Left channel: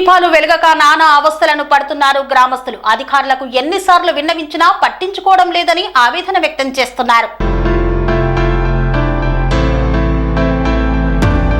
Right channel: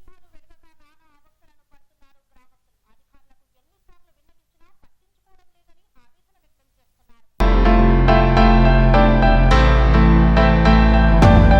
దీపాలు వెలగక నానా అవస్థలను పడుతున్నారు గ్రామస్తులు. అధికారులకు ఎన్నిసార్లు విన్నవించినా పట్టించుకోవడం లేదని ఆవేదన వ్యక్తం చేస్తున్నారు.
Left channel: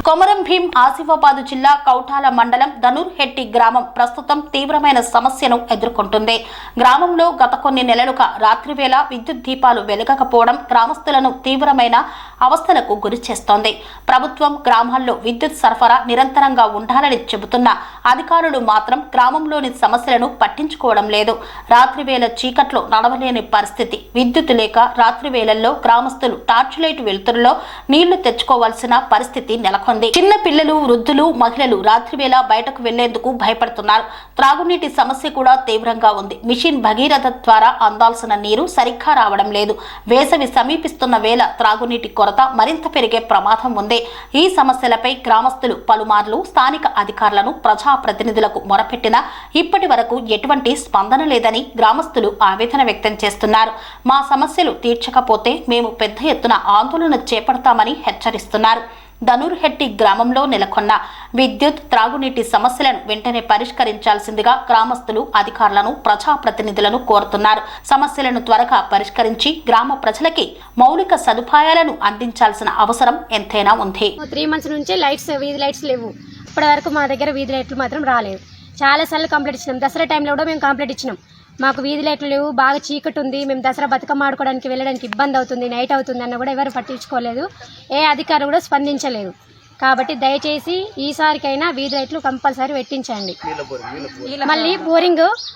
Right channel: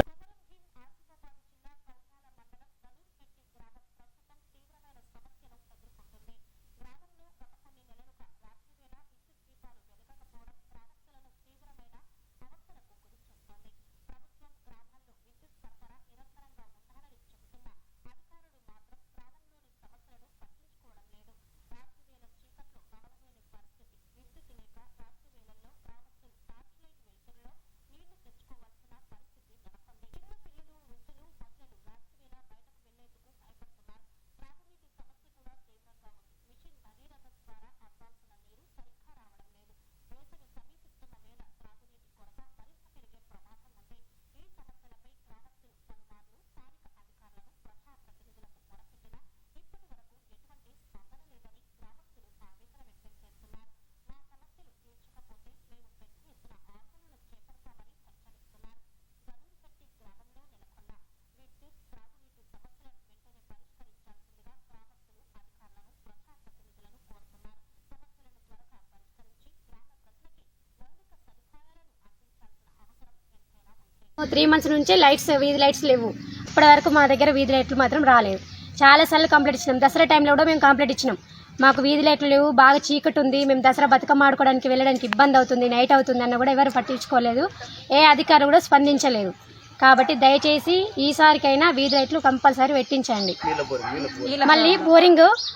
కొమరం భీం ఆసిఫాబాద్ జిల్లా కౌటాల మండలం ధనూర్హెట్టి గ్రామం ప్రస్తుతం తీవ్రమైన సమస్యను ఎదుర్కొంటుంది. గ్రామంలో గత కొన్ని నెలలుగా రాత్రివేళ విద్యుత్ దీపాలు వెలగకపోవడం గ్రామస్తులను తీవ్రమైన అవస్థలకు గురిచేస్తోంది. ప్రభుత్వం గ్రామాల్లో విద్యుత్ సరఫరా నిరంతరంగా ఉండాలని చెబుతున్న అధికారులు మాత్రం గ్రామంలోని సమస్యలను పట్టించుకోవడం లేదు. రాత్రివేళ చీకట్లో నడవలేని పరిస్థితి. విద్యుత్ లేక రాత్రివేళల్లో గ్రామస్తులు టార్చ్ లైట్ వెలుతురులో నీళ్లు తెచ్చుకోవాల్సిన పరిస్థితి నెలకొంది. చిన్న పిల్లలు, వృద్ధులు, మహిళలు రాత్రివేళ బయటకు వెళ్లేందుకు భయపడుతున్నారు. త్రాగునీటి సమస్య కూడా తీవ్రంగా ఉంది. మిషన్ భగీరథ ద్వారా అందాల్సిన నీరు సరిగ్గా రావడం లేదు. వేసవి సమీపిస్తున్న వేళ త్రాగునీటి కొరత మరింత పెరిగే ప్రమాదం ఉంది. ఈ సమస్యలపై గ్రామస్తులు పలుమార్లు స్థానిక అధికారులను, ప్రజాప్రతినిధులకు మొరపెట్టినా ఇప్పటి వరకు ఎటువంటి స్పందన లేదని గ్రామస్తులు ఆవేదన వ్యక్తం చేస్తున్నారు. మా సమస్యలు తీర్చకపోతే మేము పెద్ద ఎత్తున ఆందోళన చేపడతామని హెచ్చరిస్తున్నారు. ధనూర్హెట్టి గ్రామంలో నెలకొన్న విద్యుత్, త్రాగునీటి సమస్యలను వెంటనే పరిష్కరించాల్సిందిగా గ్రామస్తులు అధికారులను, ప్రజాప్రతినిధులను కోరుతున్నారు. సమస్యలను త్వరగా పరిష్కరించి గ్రామ ప్రజలకి మౌలిక సదుపాయాలను అందించాల్సిన అవసరం ఎంతైనా ఉంది. 3 months నుంచి వీధి లైట్స్ లేవు. ఇప్పటి వరకు మా దగ్గర వీధి లైట్లు మాత్రం రాలేదు. చాలా సార్లు కంప్లైంట్ ఇచ్చినాం. దసరా టైంలో కూడా మేము కంప్లైంట్ ఇచ్చినాం. మాకు వీధి లైట్లు లేవు, బాగా చీకటి ఉంది, మేము దసరా బతుకమ్మ ఆడుకోవడానికి వెళ్ళడానికి ఇబ్బంది అవుతుంది, నైట్ అవుతుంది అన్న కూడా ఎవరు పట్టించుకోలేదు. ఏ అధికారి కూడా స్పందించలేదు. కాబట్టి దయచేసి ఈసారికైనా వీధి లైట్లు కంపల్సరీ పెట్టించండి. మళ్ళీ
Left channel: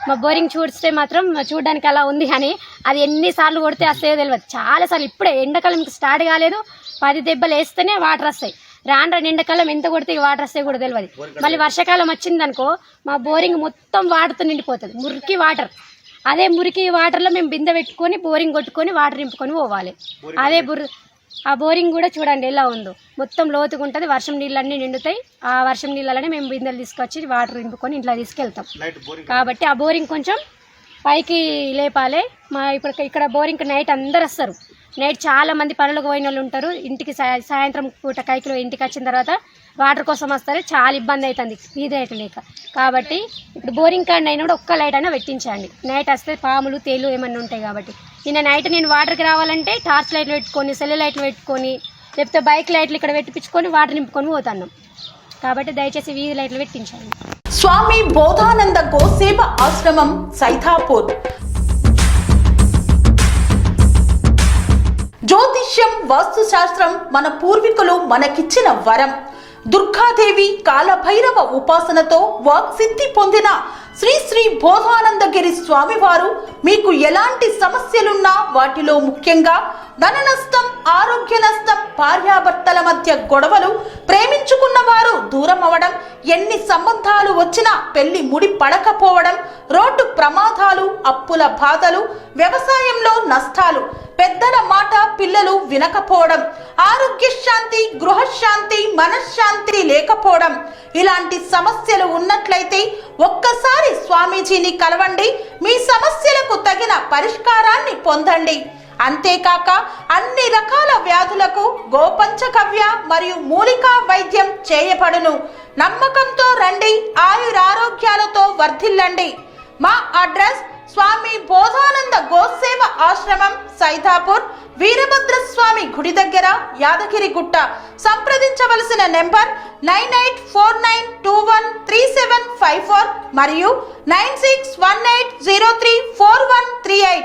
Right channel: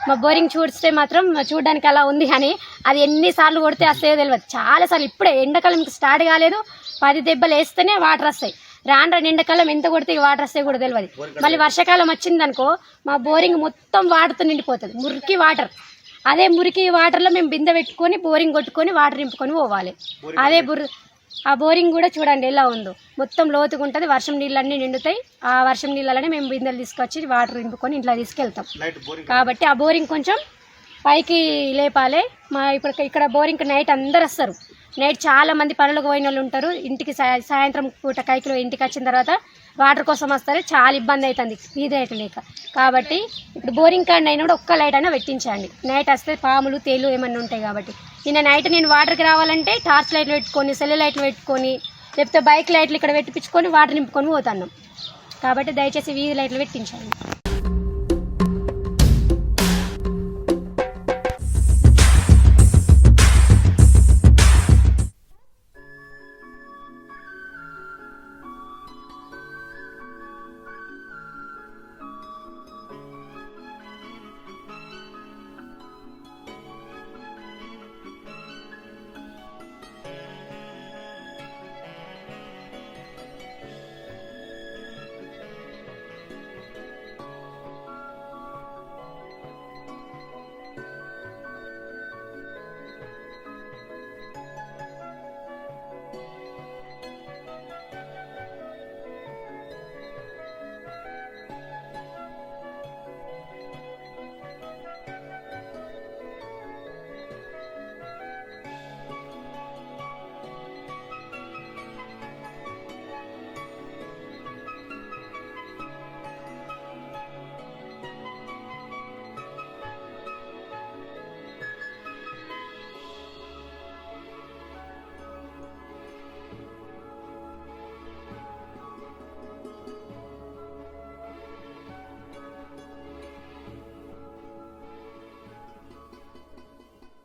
మా బోరింగ్ చూస్తే మాత్రం చూడడానికి అలా ఉంది కానీ అది ఎన్నిసార్లు కొడితే వస్తాయో తెలియదు. చాలాసార్లు ఇప్పుడే ఎండాకాలం స్టార్ట్ కాలేదు, 10 దెబ్బలు వేస్తేనే వాటర్ వస్తాయి. రాను ఎండాకాలం ఎంత కొడితే వాటర్ వస్తాయి కూడా తెలియదు. మళ్ళీ వర్షాకాలం వచ్చిందనుకో మా బోరింగ్ మొత్తం వాటర్తో నిండిపోతుంది, మురికి వాటర్. అదే మురికి వాటర్లో మేము బిందె పెట్టుకొని బోరింగ్ కొట్టుకొని వాటర్ నింపుకొని పోవాలి. ఆ బోరింగ్ కూడా చూడండి ఎలా ఉందో, మొత్తం లోతుగా ఉంటుంది. వర్షం నీళ్ళన్నీ నిండుతాయి. ఆ వర్షం నీళ్ళనే మేము బిందెలు తీసుకొచ్చి వాటర్ నింపుకొని ఇంట్లో తీసుకెళ్తాం. కాబట్టి ఆ బోరింగ్ కొంచెం పైకి లేపాలి. ఇక్కడ బోరింగ్ నైట్ అందరు వస్తారు. నైట్ చాలా మంది పనులకు పోయిన వాళ్ళు ఉంటారు. ఇంటికి సాయంత్రం పూట కైకిలో ఇంటికి వచ్చిన తర్వాత వాటర్ కోసం వస్తారు. చాలా ఇబ్బంది అవుతుంది వీధి లైట్ లేక. కాబట్టి ఇప్పుడు బోరింగ్ కాడ అయినా కూడా ఒక్క లైట్ అయినా పెట్టించండి. నైట్ వస్తే పాములు, తేలు ఏమన్నా ఉంటాయి. కాబట్టి నిన్న నైట్ నేను వాటర్కి రావాలంటే టార్చ్ లైట్లు పెట్టుకొని, సెల్ లైట్లు పెట్టుకొని, లేకపోతే బైక్ లైట్లు ఇక్కడ పెట్టించుకొని వాటర్ నింపుకొని పోతున్నాం. కాబట్టి దయచేసి వీధి లైట్లు పెట్టించండి. స్వామి బోధానంద గోసేవ ఆశ్రమం, సైథాపూర్. జ్యోతిష్యం, వాస్తుశాస్త్రం మన పూర్వీకులు మనకిచ్చిన వరం. దుర్గాదేవి, కాలభైరవ ఉపాసనతో వాక్సిద్ధి పొందిన శ్రీ శ్రీ బోధానందగిరి స్వామివారు మీకు ఎలాంటి సమస్యలున్నా, వాటిలో ముఖ్యంగా ధన నష్టం, ఆరోగ్య నష్టం, భార్యాభర్తల మధ్య గొడవలు, ప్రేమించుకున్న వారు దూరం అవడం, ఎన్ని సంబంధాలు వచ్చినా పెళ్లి ముడి పడకపోవడం, రోడ్డు ప్రమాదాలు, అప్పుల బాధలు, వ్యవసాయంలో నష్టాలు, పెద్దల మాట పిల్లలు వినకపోవడం, ఆరోగ్య శాంతి, గృహశాంతి, మనశ్శాంతి లేకపోవడం, ఇలాంటి సమస్యలు ఉన్నట్లయితే ఒక్కసారి స్వామీజీని కలవండి. మీ సమస్యలకు తగిన పరిష్కారాన్ని పొందండి. అంతేకాక అన్ని రకాల వ్యాధులకు గోపంచకవ్య మరియు మూలికా వైద్యం చేయబడును. నమ్మకంతో రండి, ఆయురారోగ్యాలతో వర్ధిల్లండి. మా అడ్రస్ స్వామి బోధానంద గోసేవ ఆశ్రమం, సైథాపూర్, వీరభద్రస్వామి గుడి దగ్గర, యాదగిరిగుట్ట. సంప్రదించవలసిన నెంబర్ 9849213754 మరియు 9618034138.